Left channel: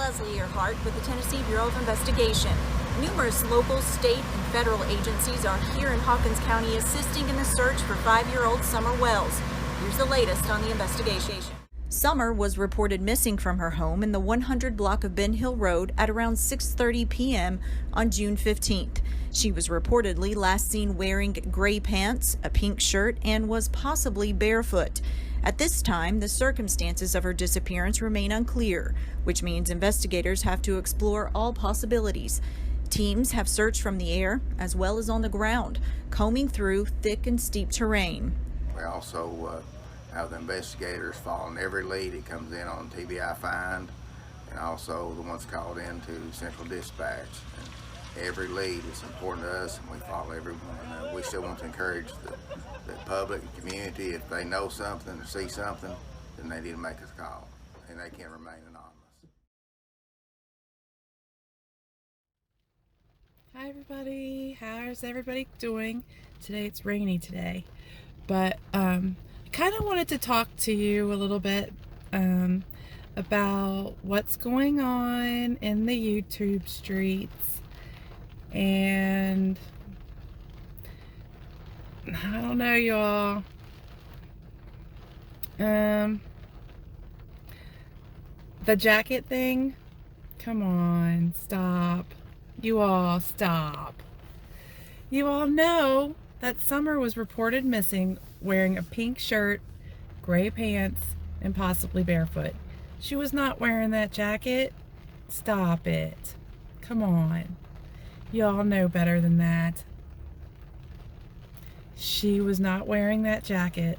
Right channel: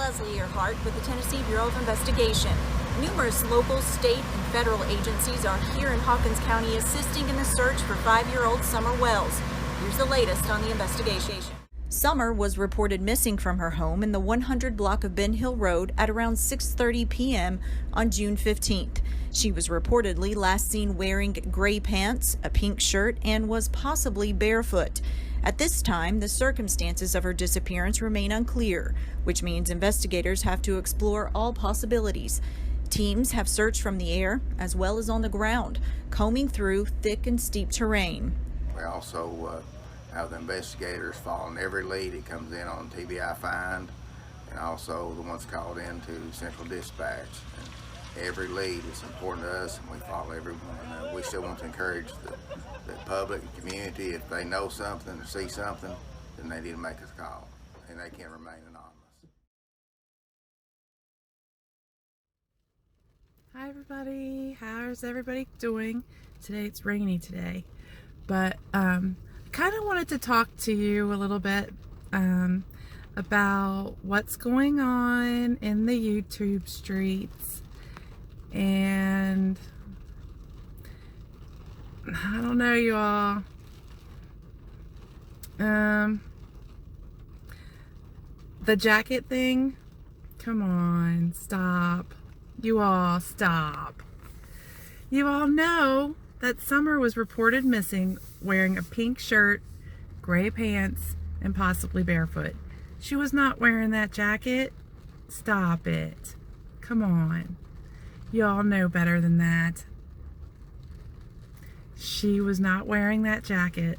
Leslie Earhart with the Tennessee Bureau of Investigation. Numerous local, state, and federal agencies are here in Hawkins County assisting in the search for 5-year-old Summerwells. Here's the latest on the investigation. Summer was reported missing from her home in the 100 block of Ben Hill Road at around 6:30 p.m. on June 15th. She was reportedly last seen wearing gray pants, a pink shirt, and was possibly barefoot. At this time, the circumstances of her disappearance remain unclear, which means investigators have to explore all possibilities. Teams have searched from the air as well as on the ground, combing through thick and steep terrain. We also have the investigators following every lead that comes in on TBI find, and also the ones called into Central Dispatch. And every lead is important to us, and we follow everyone. We still want to encourage the public and community, if they know something or see something, then they need to make us a call, and they can remain anonymous. Hi everybody, how's everybody doing? Today it's rainy today, but I kind of wanted to talk to you a little bit about what's going on in the YouTube streets, and I don't know, y'all. The jacket thing, come on, stop. You all stop. You all know that Summer was reported missing wearing a pink shirt, gray pants, and possibly barefoot. She was not wearing that jacket. Stop it. Come on. You all know better than that. She was not wearing that jacket.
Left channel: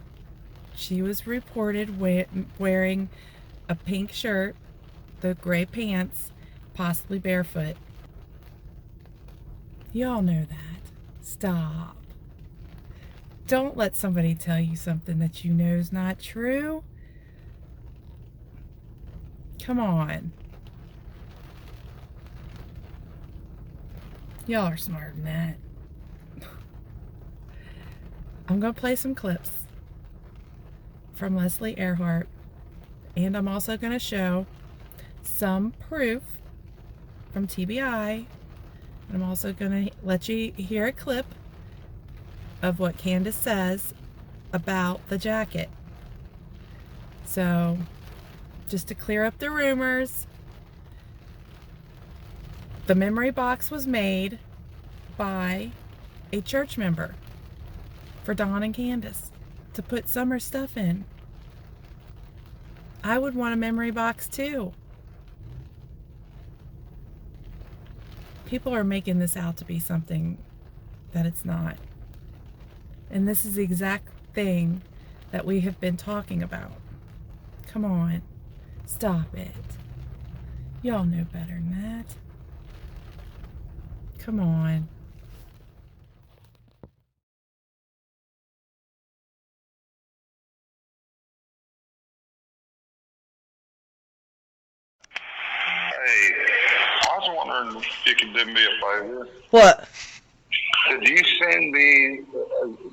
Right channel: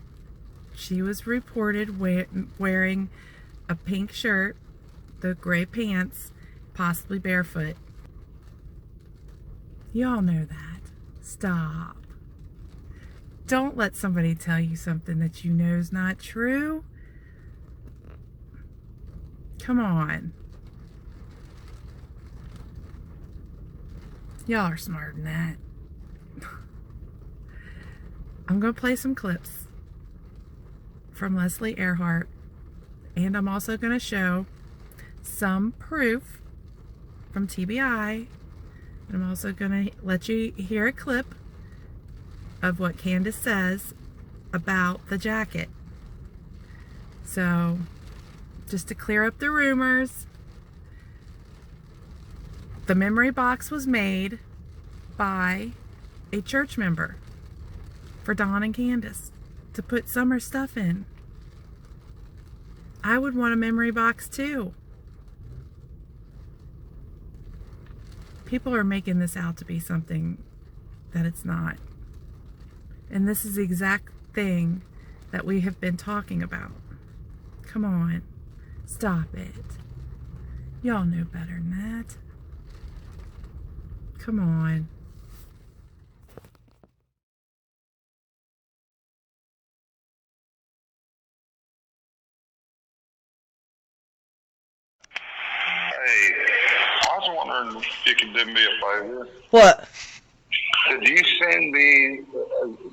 She was reported wearing a pink shirt, the gray pants, possibly barefoot. You all know that. Stop. Don't let somebody tell you something that you know is not true. Come on. Y'all are smarter than that. I'm going to play some clips from Leslie Earhart, and I'm also going to show some proof from TBI. I'm also going to let you hear a clip of what Candace says about the jacket. So, just to clear up the rumors, the memory box was made by a church member for Dawn and Candace to put Summer stuff in. I would want a memory box too. People are making this out to be something that it's not. And this is the exact thing that we have been talking about. Come on. Stop it. Y'all know better than that. Come on. Hey, I was wondering if you could do me a favor. What? Did you send me,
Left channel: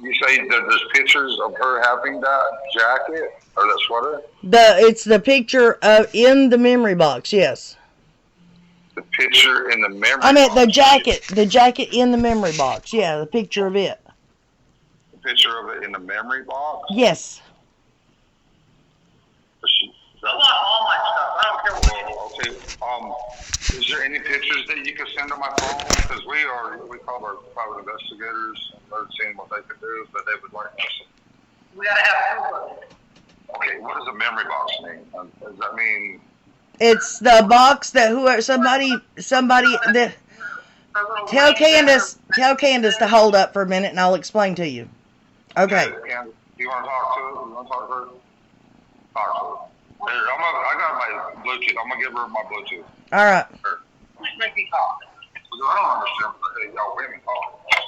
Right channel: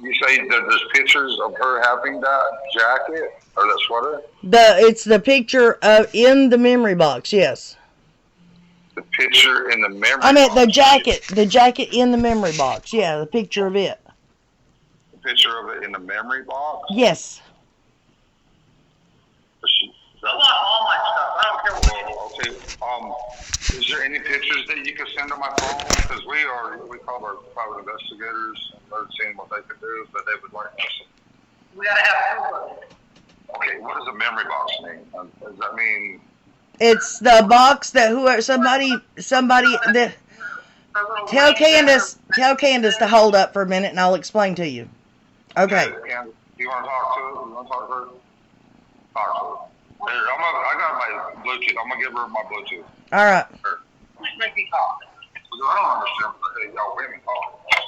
you say that there's pictures of her having that jacket or that sweater? It's the picture of in the memory box, yes. The picture in the memory I meant box? the jacket in the memory box, yeah, the picture of it. The picture of it in the memory box? Yes. I want all my stuff. I don't care what. Okay. Is there any pictures that you could send to my phone? Because we called our private investigators and they're seeing what they could do, but they would like us. We gotta have proof of it. Okay, what does a memory box mean? Does that mean? It's the box that somebody that tell Candace to hold up for a minute and I'll explain to you. Okay. Candace, do you want to talk to her? You want to talk to her? Talk to her. Here, I got my Bluetooth. I'm gonna give her my Bluetooth. All right. Here. Make me talk. I don't understand. Hey, y'all, wait a minute.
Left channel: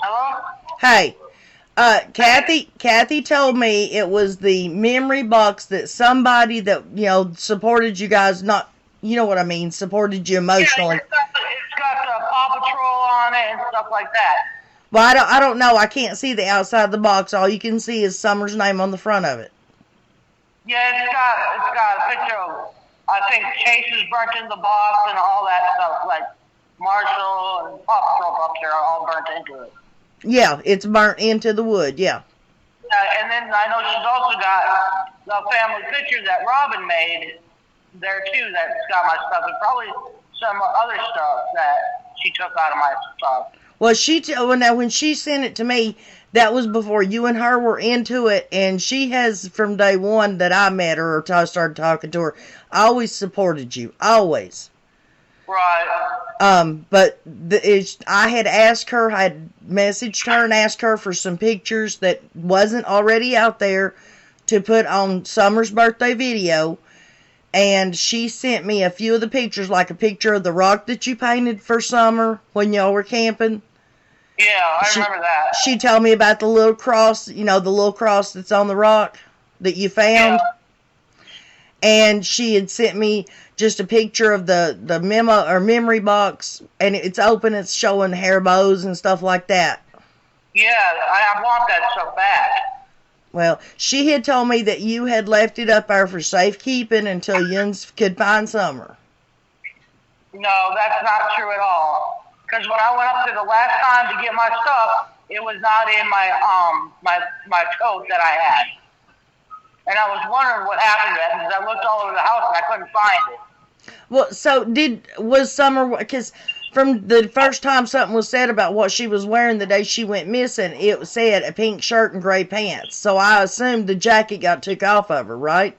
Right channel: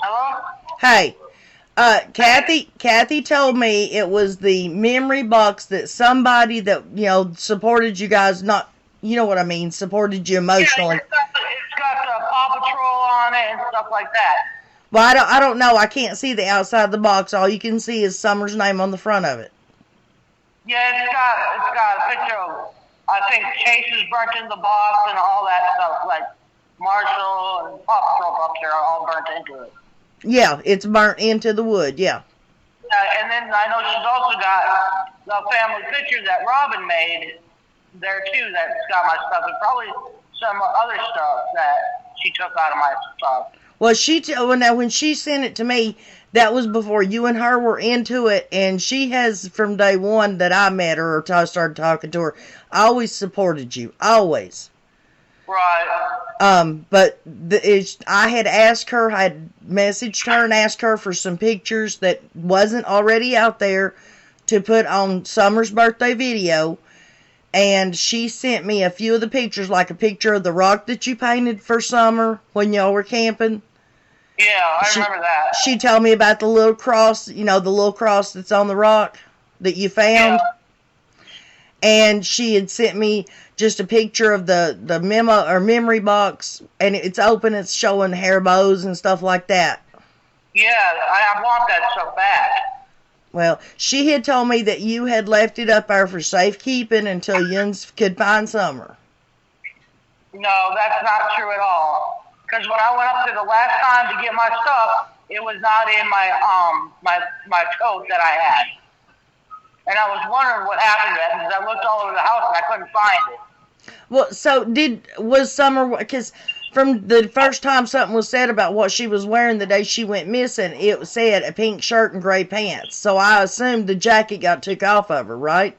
Hello? Hey, Kathy told me it was the memory box that somebody that supported you guys, not what I mean, supported you emotionally. Yeah, it's got the Paw Patrol on it and stuff like that. Well, I don't know. I can't see the outside of the box. All you can see is Summer's name on the front of it. Yeah, it's got a picture of I think cases burnt in the box and all that stuff, like Marshall and Paw Patrol up there are all burnt into it. Yeah, it's burnt into the wood, yeah. And then I know she's also got the family picture that Robin made there too that's got my stuff, and probably some other stuff that she took out of my stuff. Well, now when she sent it to me, that was before you and her were into it, and she has, from day one that I met her or I started talking to her, always supported you, always. Right. But I had asked her, I had messaged her and asked her for some pictures that wasn't already out there to put on Summer's birthday video, and she sent me a few of the pictures, like a picture of the rock that you painted for Summer when y'all were camping. Yeah, I remember that. She told me about the little cross, the little cross that's on the rock that you found. Yeah. And she had sent me just a picture of the memo or memory box, and it's open, it's showing hair bows and stuff like that. Yeah, I want that stuff back. Well, she had told me that you had left it up there for safekeeping until Yuns could find Summer. No, that's not true at all. Because when I went up there the last time to get my stuff, it was not in my coat that I had. And I was wondering what happened to it, because I looked all over the house and I couldn't find it. Well, so was Summer, because from the first time something was said about what she was wearing the day she went missing, it said a pink shirt and gray pants. So I assumed the jacket got took off of her, right?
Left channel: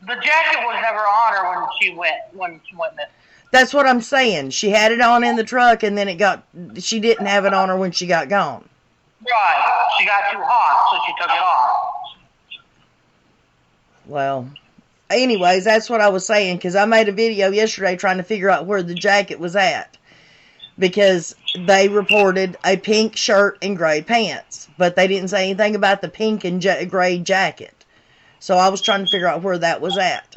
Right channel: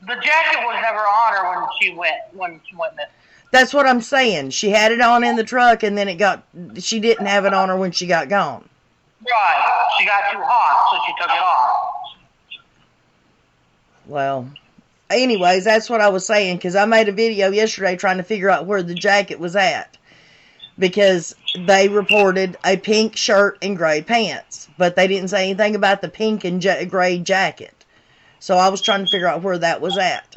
The jacket was never on her when she went missing. That's what I'm saying. She had it on in the truck, and then she didn't have it on her when she got gone. Right. She got too hot, so she took it off. Well, anyways, that's what I was saying, because I made a video yesterday trying to figure out where the jacket was at, because they reported a pink shirt and gray pants, but they didn't say anything about the pink and gray jacket. So I was trying to figure out where that was at.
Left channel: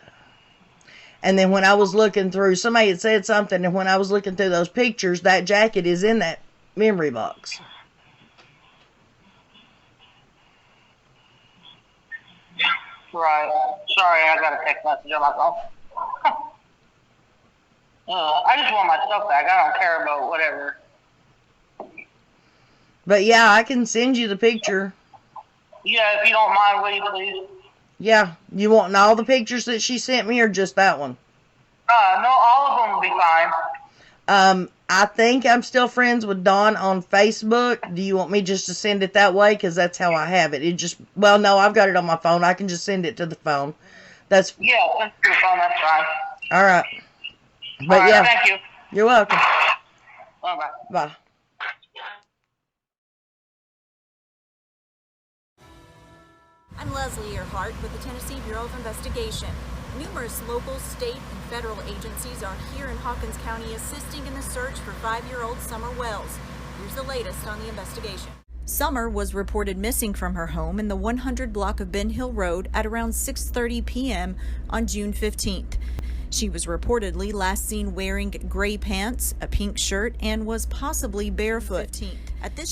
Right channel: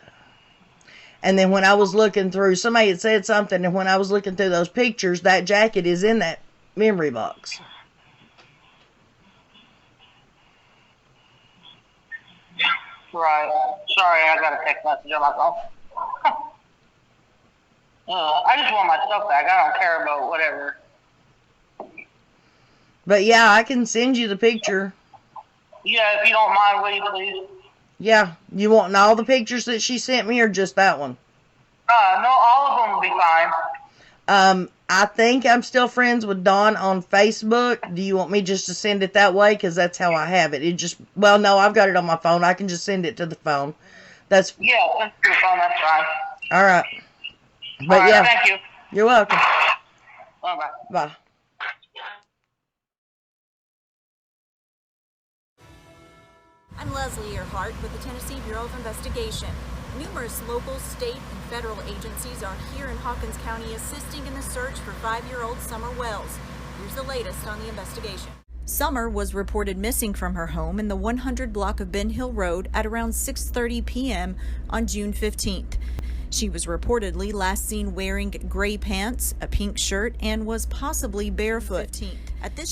And then when I was looking through, somebody had said something, and when I was looking through those pictures, that jacket is in that memory box. Right. Sorry, I got a text message on my phone. I just want my stuff back. I don't care about whatever. But yeah, I can send you the picture. Yeah, if you don't mind, will you please? Yeah, you want all the pictures that she sent me, or just that one? No, all of them will be fine. I think I'm still friends with Dawn on Facebook. Do you want me just to send it that way? Because that's how I have it. Well, no, I've got it on my phone. I can just send it to the phone. Yeah, send it to the phone, that's fine. All right. But all right, yeah, thank you. You're welcome. Bye-bye. Bye. I'm Leslie Earhart with the Tennessee Bureau of Investigation. Numerous local, state, and federal agencies are here in Hawkins County assisting in the search for 5-year-old Summerwells. Here's the latest on the investigation. Summer was reported missing from her home in the 100 block of Ben Hill Road at around 6:30 p.m. on June 15th. She was reportedly last seen wearing gray pants, a pink shirt, and was possibly barefoot. She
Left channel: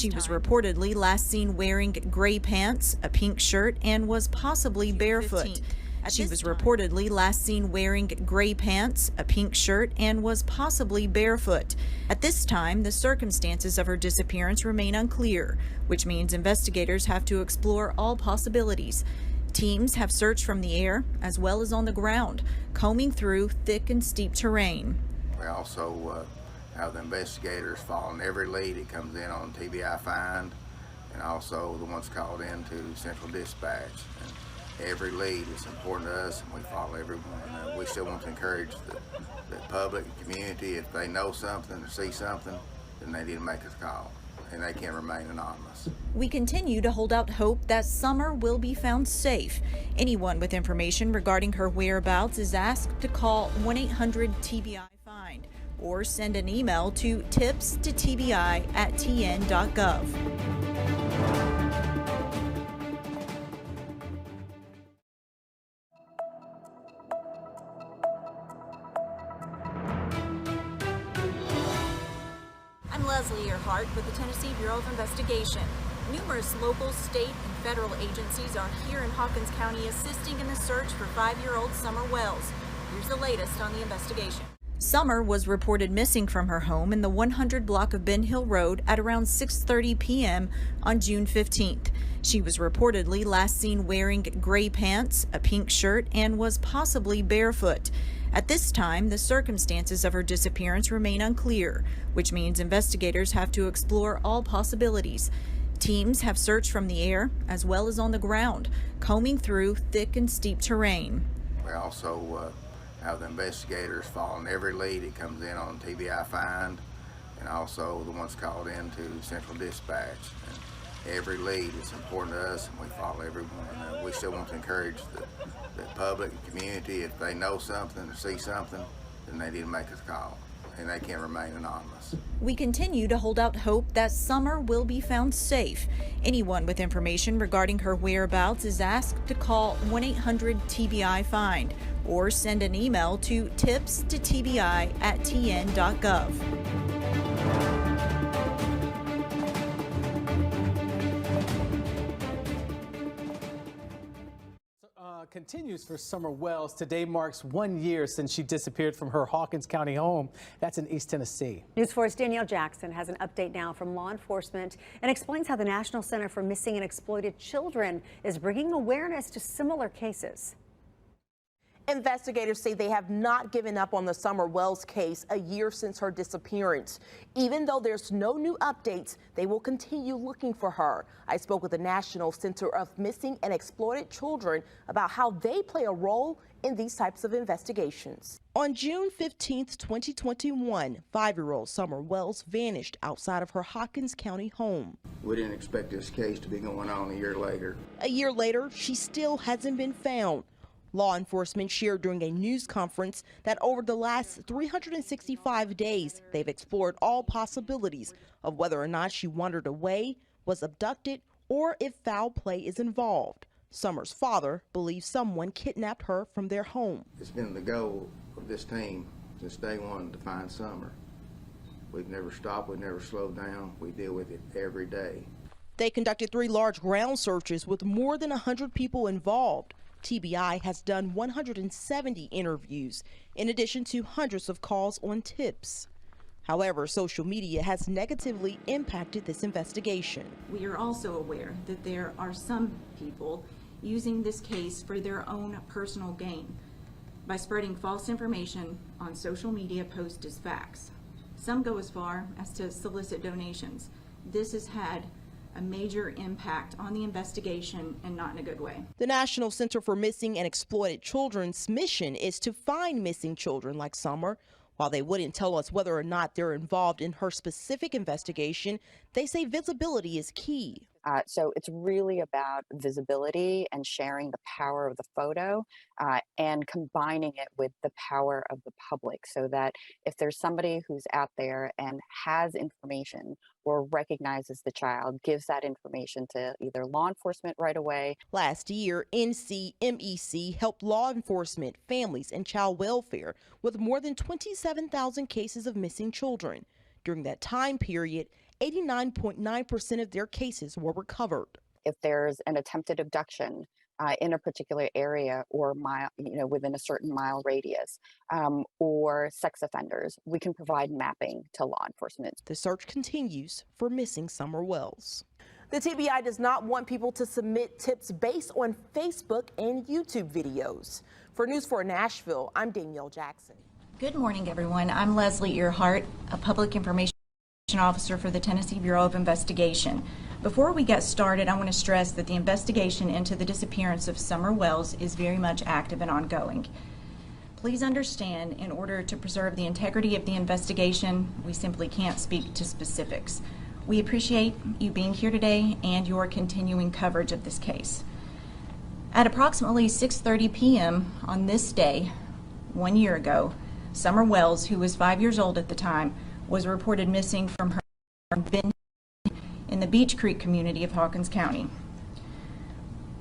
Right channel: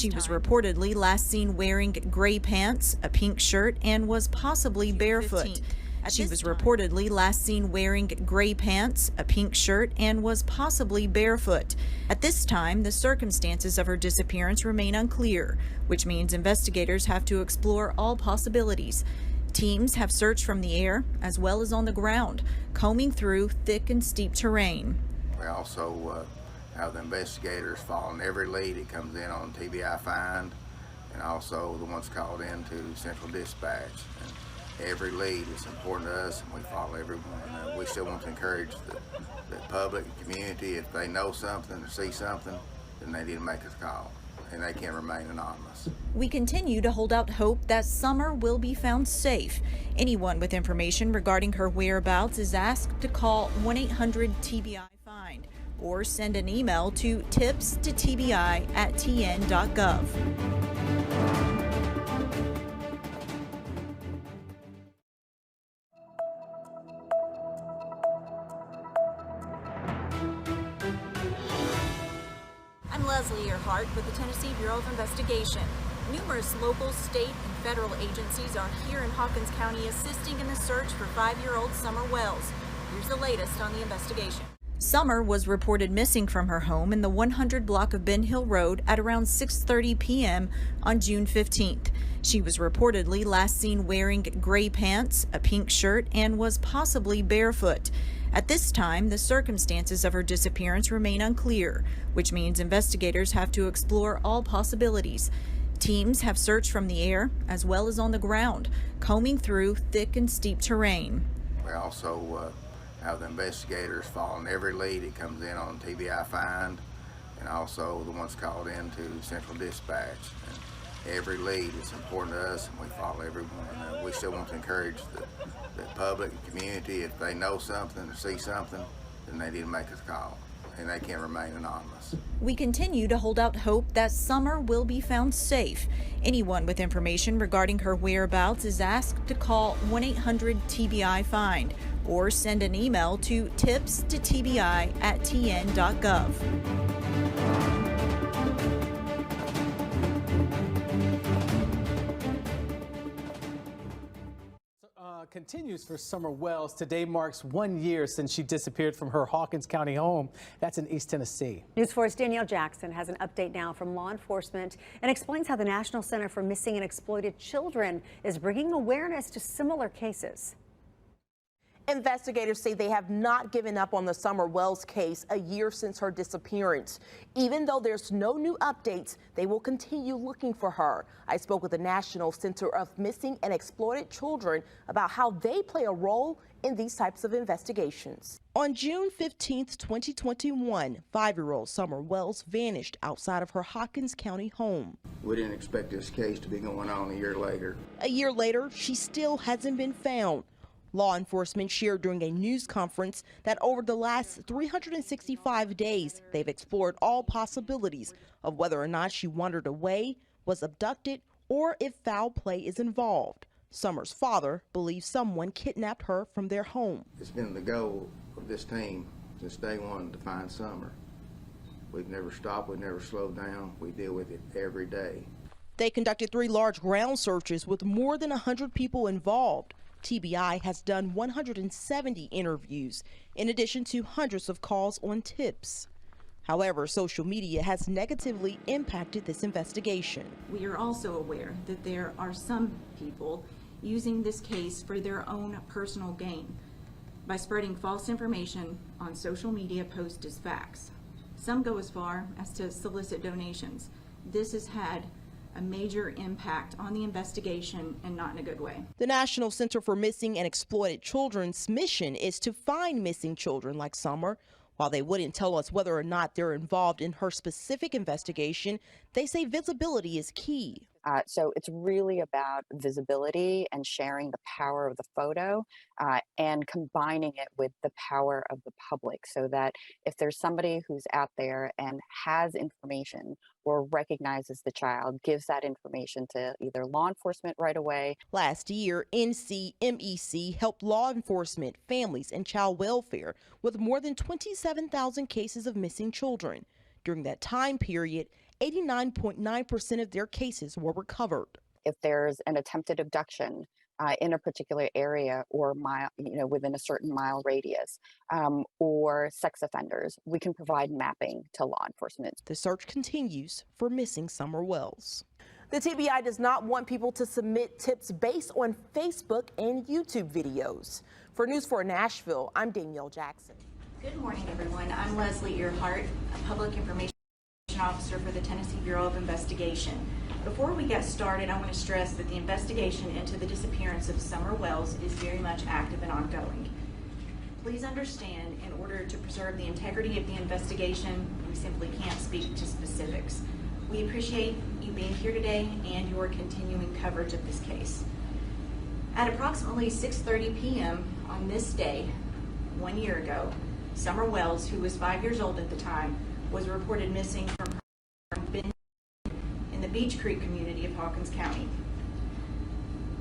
was reportedly last seen wearing gray pants, a pink shirt, and was possibly barefoot. She was reportedly last seen wearing gray pants, a pink shirt, and was possibly barefoot. At this time, the circumstances of her disappearance remain unclear, which means investigators have to explore all possibilities. Teams have searched from the air as well as on the ground, combing through thick and steep terrain. We also have the investigators following every lead that comes in on TBI Find, and also the ones called into Central Dispatch. And every lead is important to us, and we follow everyone. We still want to encourage the public, the community, if they know something or see something, then they need to make us a call, and they can remain anonymous. We continue to hold out hope that Summer will be found safe. Anyone with information regarding her whereabouts is asked to call 1-800-TBI-FIND or send an email to tips@tbi.tn.gov. I'm Leslie Earhart with the Tennessee Bureau of Investigation. Numerous local, state, and federal agencies are here in Hawkins County assisting in the search for 5-year-old Summerwells. Here's the latest on the investigation. Summer was reported missing from her home in the 100 block of Ben Hill Road at around 6:30 p.m. on June 15th. She was reportedly last seen wearing gray pants, a pink shirt, and was possibly barefoot. At this time, the circumstances of her disappearance remain unclear, which means investigators have to explore all possibilities. Teams have searched from the air as well as on the ground, combing through thick and steep terrain. We also have the investigators following every lead that comes in on TBI find, and also the ones called into Central Dispatch. And every lead is important to us, and we follow every one. We still want to encourage the public and community, if they know something or see something, then they need to make us a call, and they can't remain anonymous. We continue to hold out hope that Summer will be found safe. Anyone with information regarding her whereabouts is asked to call 1-800-TBI-FIND or send an email to tips@tbi.tn.gov. Continues for Summerwells. Today marks 1 year since she disappeared from her Hawkins County home. That's in East Tennessee. News 4's Danielle Jackson has an update now from law enforcement and explains how the National Center for Missing and Exploited Children is bringing awareness to similar cases. Investigators say they have not given up on the Summerwells case a year since her disappearance. Even though there's no new updates, they will continue looking for her. I spoke with the National Center of Missing and Exploited Children about how they play a role in these types of investigations. On June 15, 2021, 5-year-old Summerwells vanished outside of her Hawkins County home. We didn't expect this case to be going on a year later. A year later, she still hasn't been found. Law enforcement shared during a news conference that over the last 365 days, they've explored all possibilities of whether or not she wandered away, was abducted, or if foul play is involved. Summer's father believes someone kidnapped her from their home. It's been the goal of this team since day one to find Summer. We've never stopped, we've never slowed down. We deal with it every day. They conducted 3 large ground searches with more than 100 people involved. TBI has done 170 interviews, in addition to hundreds of calls on tips. However, social media has negatively impacted this investigation. We are also aware that there are some people using this case for their own personal gain by spreading false information on social media posts as facts. Some go as far as to solicit donations. This has had a major impact on the investigation, and not in a good way. The National Center for Missing and Exploited Children's mission is to find missing children like Summer. While they wouldn't tell us whether or not they're involved in her specific investigation, they say visibility is key. So it's really about visibility and sharing the power of the photo and combining it with the power of the public, so that if there's somebody who's out there and has information or recognizes the child, gives that information to either law enforcement right away. Last year, NCMEC helped law enforcement, families, and child welfare with more than 27,000 cases of missing children. During that time period, 89.9% of their cases were recovered. If there's an attempted abduction in a particular area or within a certain mile radius, or sex offenders, we can provide mapping to law enforcement. The search continues for missing Summerwells. The TBI does not want people to submit tips based on Facebook and YouTube videos. For News 4 Nashville, I'm Danielle Jackson. Good morning, everyone. I'm Leslie Earhart, a public information officer for the Tennessee Bureau of Investigation. Before we get started, I want to stress that the investigation into the disappearance of Summerwells is very much active and ongoing. Please understand, in order to preserve the integrity of the investigation, we simply can't speak to specifics. We appreciate you being here today and your continuing coverage of this case. At approximately 6:30 p.m. on this day, 1 year ago, Summerwells, who was 5 years old at the time, was reported missing from her bin in the Beach Creek community of Hawkins County.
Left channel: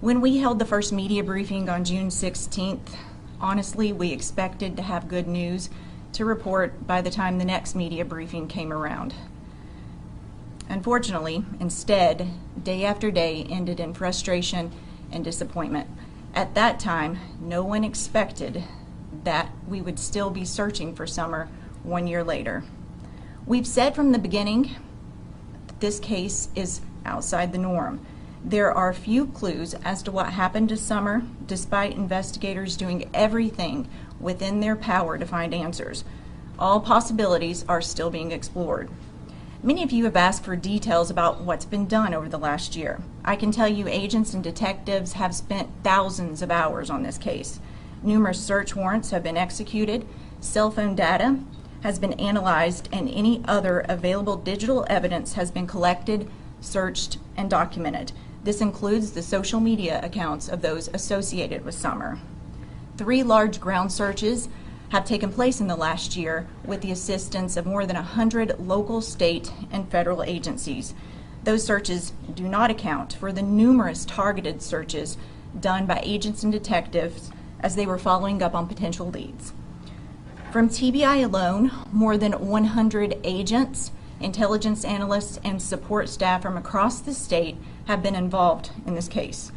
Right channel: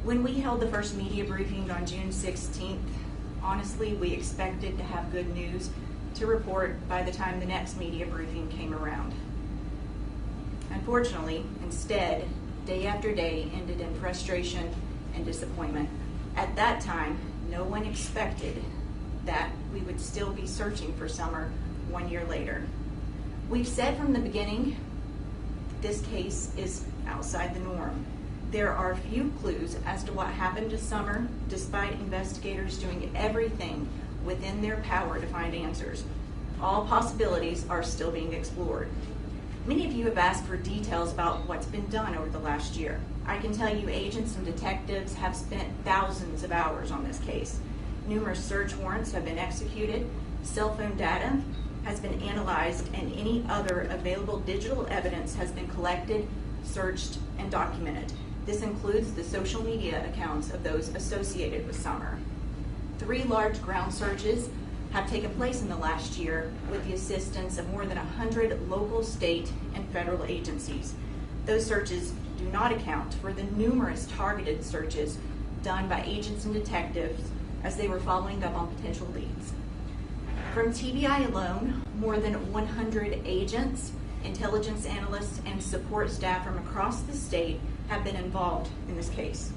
When we held the first media briefing on June 16th, honestly, we expected to have good news to report by the time the next media briefing came around. Unfortunately, instead, day after day ended in frustration and disappointment. At that time, no one expected that we would still be searching for Summer 1 year later. We've said from the beginning that this case is outside the norm. There are few clues as to what happened to Summer, despite investigators doing everything within their power to find answers. All possibilities are still being explored. Many of you have asked for details about what's been done over the last year. I can tell you agents and detectives have spent thousands of hours on this case. Numerous search warrants have been executed, cell phone data has been analyzed, and any other available digital evidence has been collected, searched, and documented. This includes the social media accounts of those associated with Summer. 3 large ground searches have taken place in the last year with the assistance of more than 100 local, state, and federal agencies. Those searches do not account for the numerous targeted searches done by agents and detectives as they were following up on potential leads. From TBI alone, more than 100 agents, intelligence analysts, and support staff from across the state have been involved in this case.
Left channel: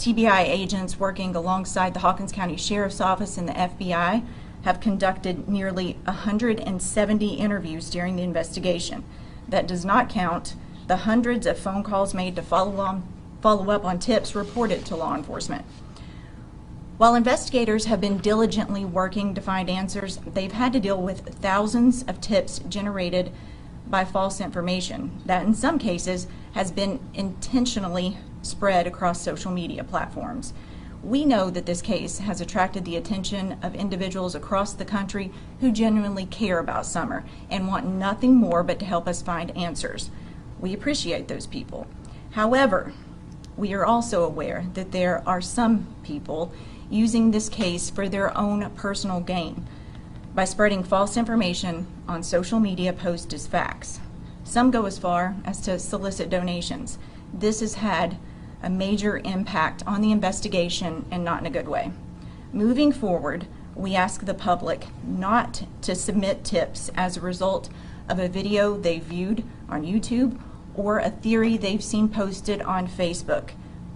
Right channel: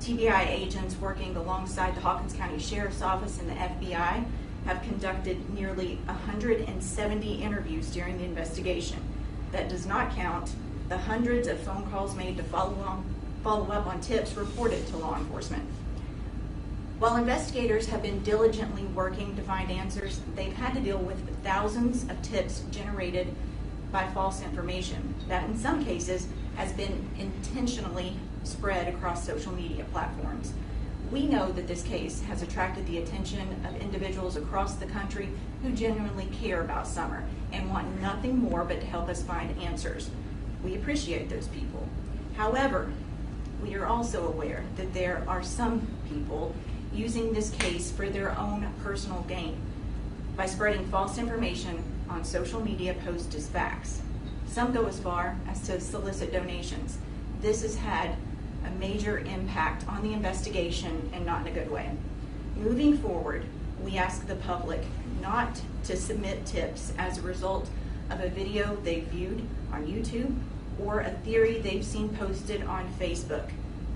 TBI agents working alongside the Hawkins County Sheriff's Office and the FBI have conducted nearly 170 interviews during the investigation. That does not count the hundreds of phone calls made to follow up on tips reported to law enforcement. While investigators have been diligently working to find answers, they've had to deal with thousands of tips generated by false information that in some cases has been intentionally spread across social media platforms. We know that this case has attracted the attention of individuals across the country who genuinely care about Summer and want nothing more but to help us find answers. We appreciate those people. However, we are also aware that there are some people using this case for their own personal gain by spreading false information on social media posts as facts. Some go as far as to solicit donations. This has had a major impact on the investigation and not in a good way. Moving forward, we ask the public not to submit tips as a result of a video they viewed on YouTube or a theory they've seen posted on Facebook.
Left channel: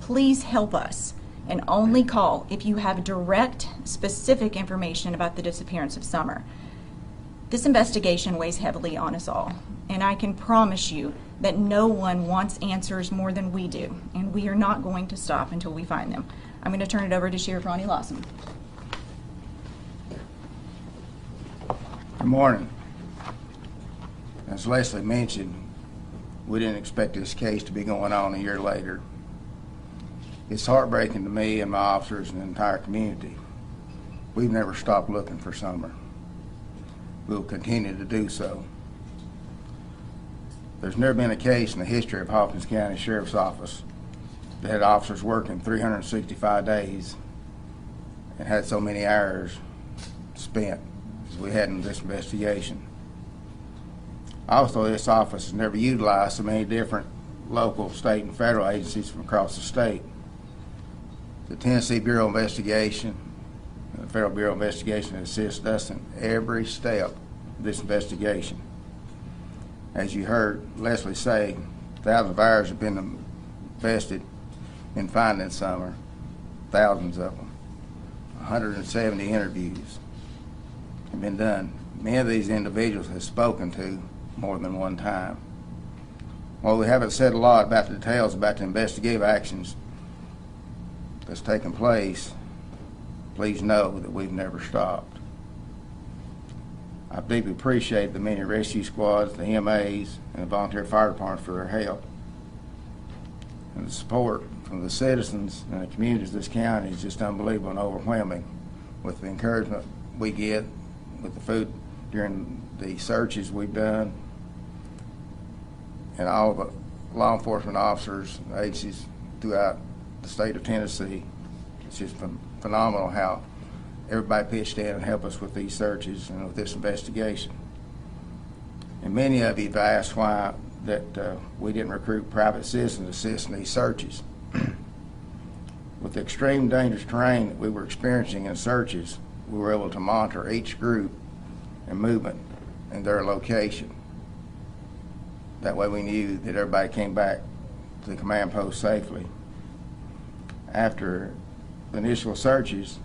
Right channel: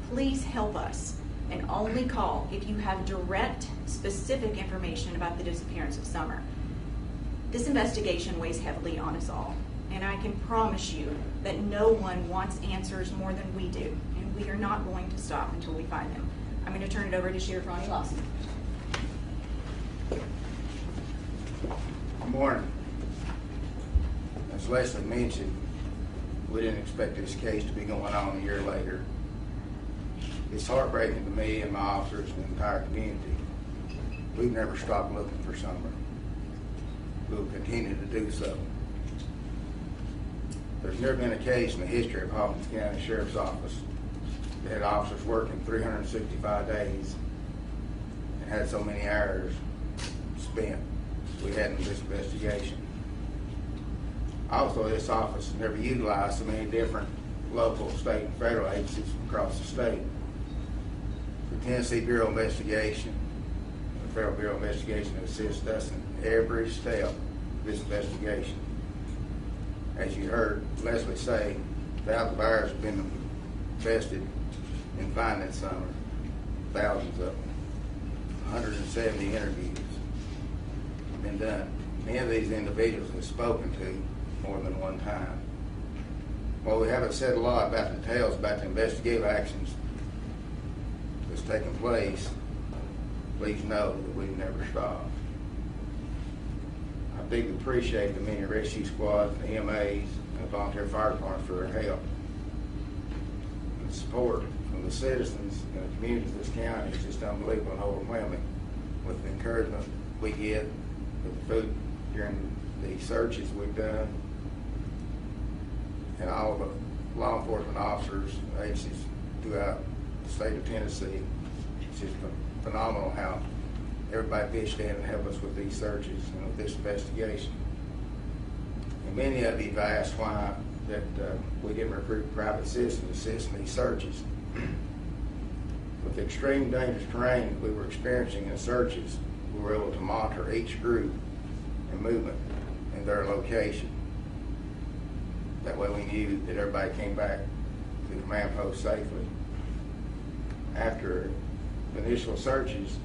Please help us and only call if you have direct, specific information about the disappearance of Summer. This investigation weighs heavily on us all, and I can promise you that no one wants answers more than we do, and we are not going to stop until we find them. I'm going to turn it over to Sheriff Ronnie Lawson. Good morning. As Leslie mentioned, we didn't expect this case to be going on a year later. It's heartbreaking to me and my officers and the entire community. We've never stopped looking for Summer. We will continue to do so. There's never been a case in the history of Hawkins County Sheriff's Office that had officers working 365 days and had so many hours spent as we had in this investigation. Also, this office has never utilized so many different local, state, and federal agencies from across the state. The Tennessee Bureau of Investigation and the Federal Bureau of Investigation assist us in every step of this investigation. As you heard Leslie say, thousands of hours have been invested in finding Summer, thousands of them. 170 interviews have been done. Many of these individuals have spoken to more than one time. While we haven't said a lot about the details about the investigative actions that's taken place, please know that we've never stopped. I deeply appreciate the many rescue squads, the EMAs, and the volunteer fire department for their help. And the support from the citizens and the communities of this county is just unbelievable and overwhelming. With the encouragement we get with the food during the searches we've done, and all the law enforcement officers and agencies throughout the state of Tennessee, it's just phenomenal how everybody pitched in and helped us with these searches and with this investigation. And many of you have asked why that we didn't recruit private citizens to assist in these searches. With the extreme dangerous terrain that we were experiencing in searches, we were able to monitor each group and movement in their location. That way we knew that everybody came back to the command post safely. After the initial searches,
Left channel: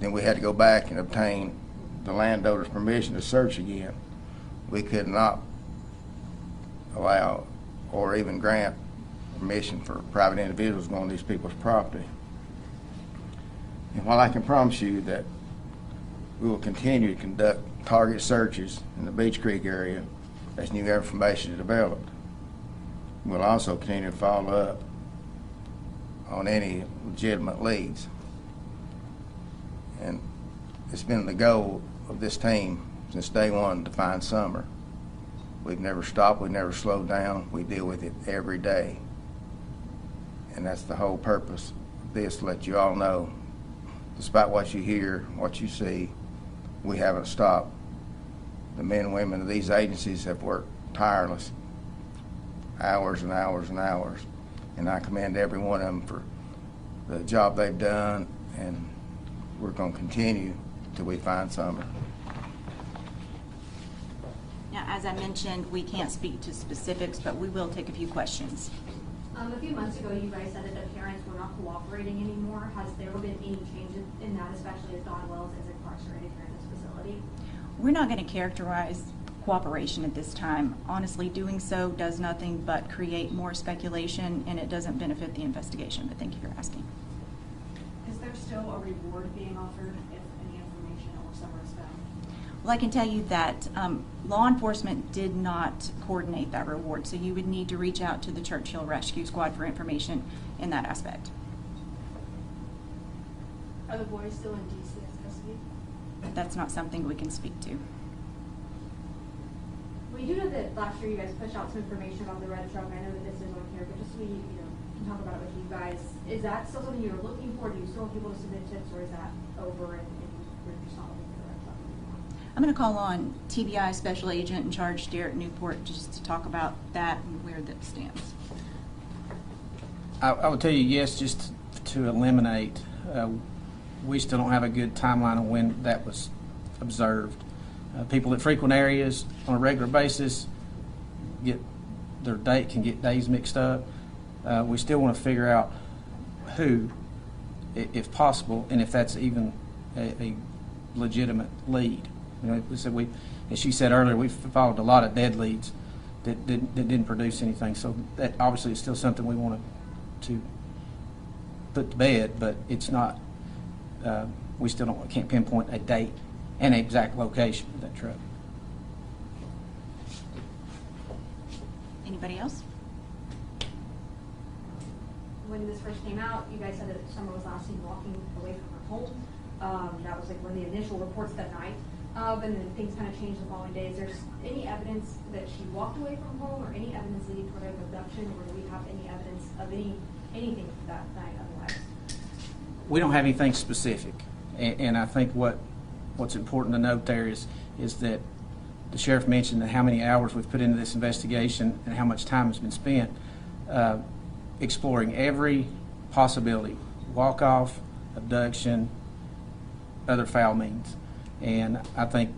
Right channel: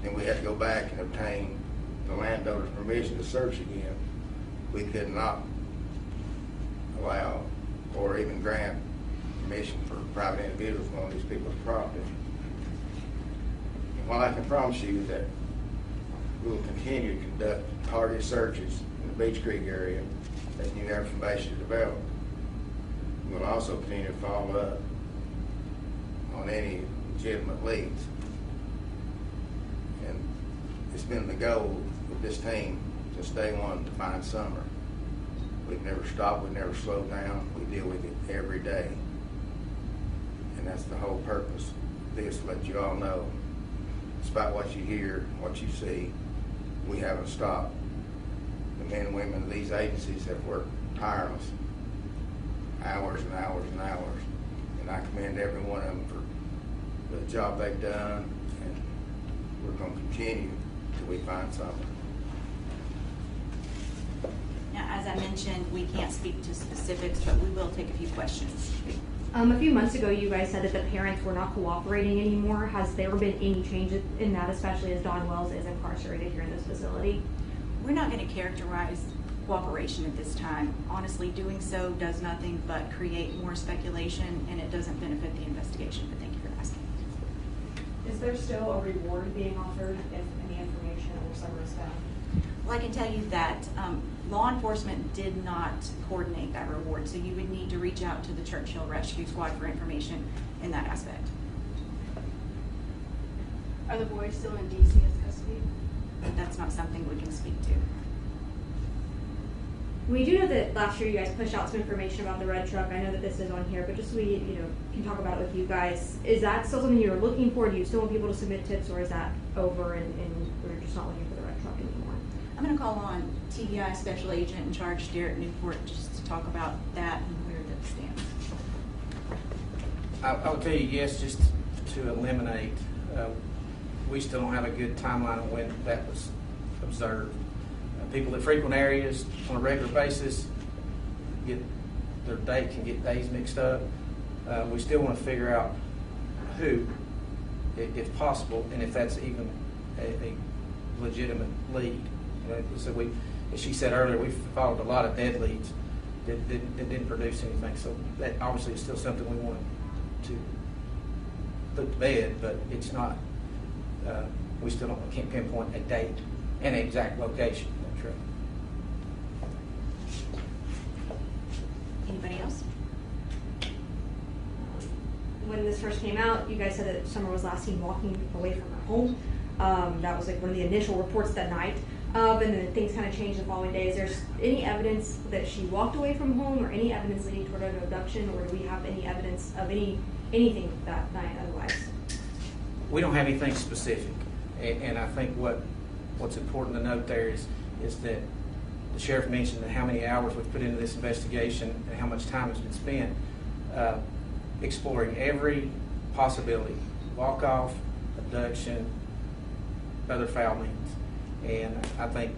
then we had to go back and obtain the landowner's permission to search again. We could not allow or even grant permission for private individuals on these people's property. And while I can promise you that we will continue to conduct target searches in the Beach Creek area as new information is developed, we'll also continue to follow up on any legitimate leads. And it's been the goal of this team since day one to find Summer. We've never stopped, we've never slowed down, we deal with it every day. And that's the whole purpose of this, to let you all know, despite what you hear, what you see, we haven't stopped. The men and women of these agencies have worked tireless, hours and hours and hours, and I commend every one of them for the job they've done, and we're going to continue till we find Summer. Now, as I mentioned, we can't speak to specifics, but we will take a few questions. A few months ago, you guys said that the parents were not cooperating anymore. Has there been any change in that, especially as Dawn Wells is incarcerated here in this facility? We're not going to characterize cooperation at this time. Honestly, doing so does nothing but create more speculation, and it doesn't benefit the investigation, but thank you for asking. Is there still a reward being offered if any information or Summer is found? Well, I can tell you that law enforcement did not coordinate that reward, so you would need to reach out to the Churchill Rescue Squad for information in that aspect. Are the boys still in DC's custody? That's not something we can speak to. We do know that last year you guys pushed out some information about the red truck. I know that this is on here, but just so we can talk about it with you guys. Is that still something you're looking for? Do you still want people to submit tips, or is that over and we're just not looking for the red truck anymore? I'm going to call on TBI Special Agent in charge, Derek Newport, just to talk about that and where that stands. I would tell you yes, just to eliminate. We still don't have a good timeline of when that was observed. People that frequent areas on a regular basis can get days mixed up. We still want to figure out who, if possible, and if that's even a legitimate lead. So as she said earlier, we followed a lot of dead leads that didn't produce anything. So that obviously is still something we want to put to bed, but it's not. We still can't pinpoint a date and an exact location of that truck. Anybody else? When this first came out, you guys said that Summer was last seen walking away from her home. That was like one of the initial reports that night. And then things kind of changed the following day. Is there any evidence that she walked away from home, or any evidence leading toward an abduction, or do we have any evidence of anything that night otherwise? We don't have anything specific, and I think what's important to note there is that the sheriff mentioned that how many hours we've put into this investigation and how much time has been spent exploring every possibility: walk-off, abduction, other foul means. And I think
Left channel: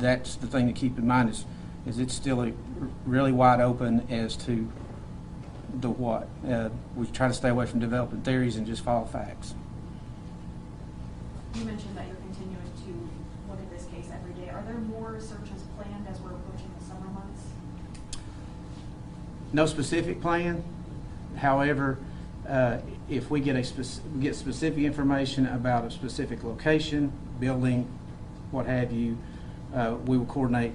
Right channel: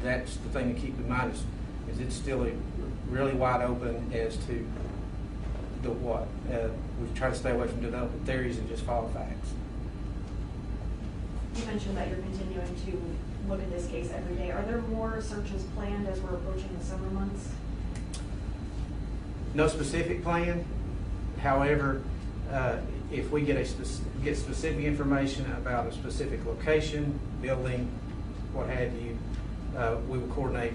that's the thing to keep in mind is it's still really wide open as to the what. We've tried to stay away from developing theories and just follow facts. You mentioned that you're continuing to look at this case every day. Are there more searches planned as we're approaching the summer months? No specific plan. However, if we get specific information about a specific location, building, what have you, we will coordinate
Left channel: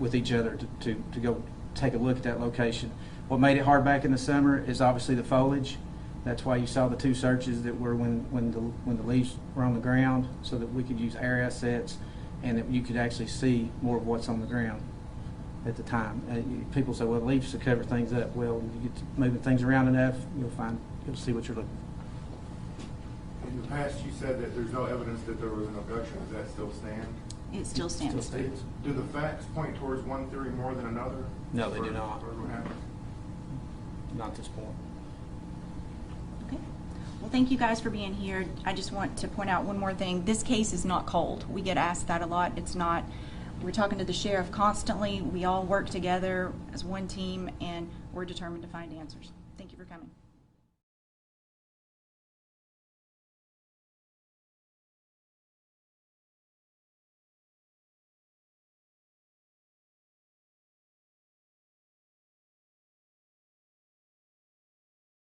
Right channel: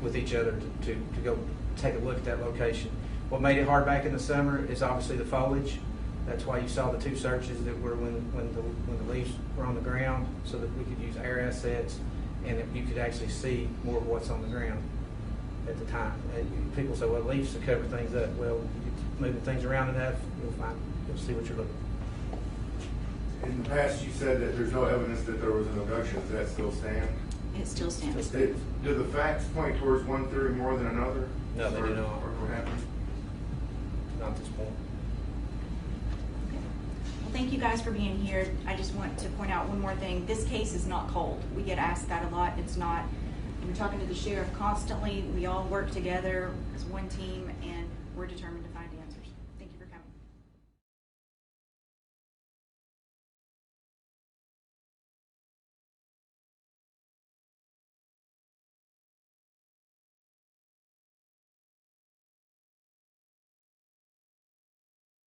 with each other to go take a look at that location. What made it hard back in the summer is obviously the foliage. That's why you saw the two searches that were when the leaves were on the ground, so that we could use air assets and that you could actually see more of what's on the ground at the time. People say, well, leaves to cover things up. Well, you move things around enough, you'll see what you're looking for. In the past, you said that there's no evidence that there was an abduction. Does that still stand? It still stands. Do the facts point towards one theory more than another? No, they do not. Or what happened? Not at this point. Okay. Well, thank you guys for being here. I just want to point out one more thing. This case is not cold. We get asked that a lot. It's not. We're talking to the sheriff constantly. We all work together as one team, and we're determined to find answers.